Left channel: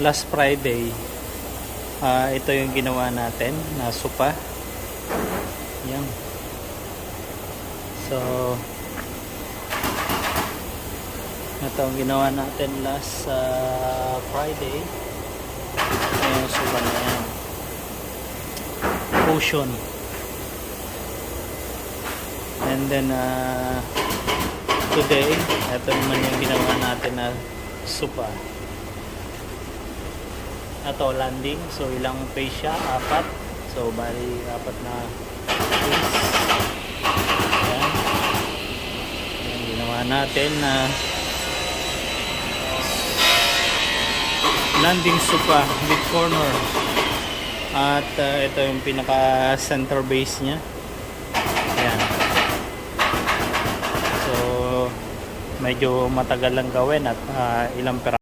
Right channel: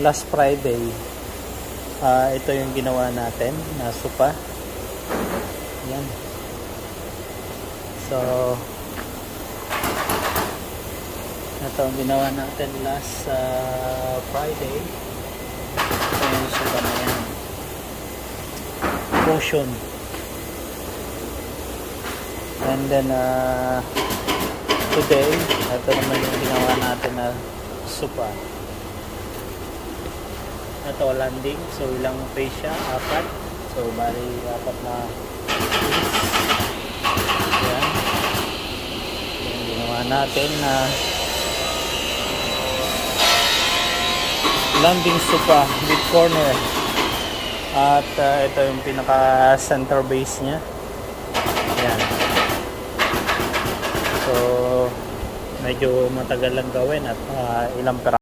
last Friday, ito yung ginawa natin na sopa. Yan. So ito ang ginawa natin last Friday. Ayan, sopa na yan. Potion. And then today, ito naman yung ginawa natin na sopa. Ito landing, so ilang face siya? 4. So bali 4 na face. Yan yung ginawa natin na landing sopa with corner. At ito yung pinaka center base nya. Yan. So medyo matagal lang gawin at ilang pera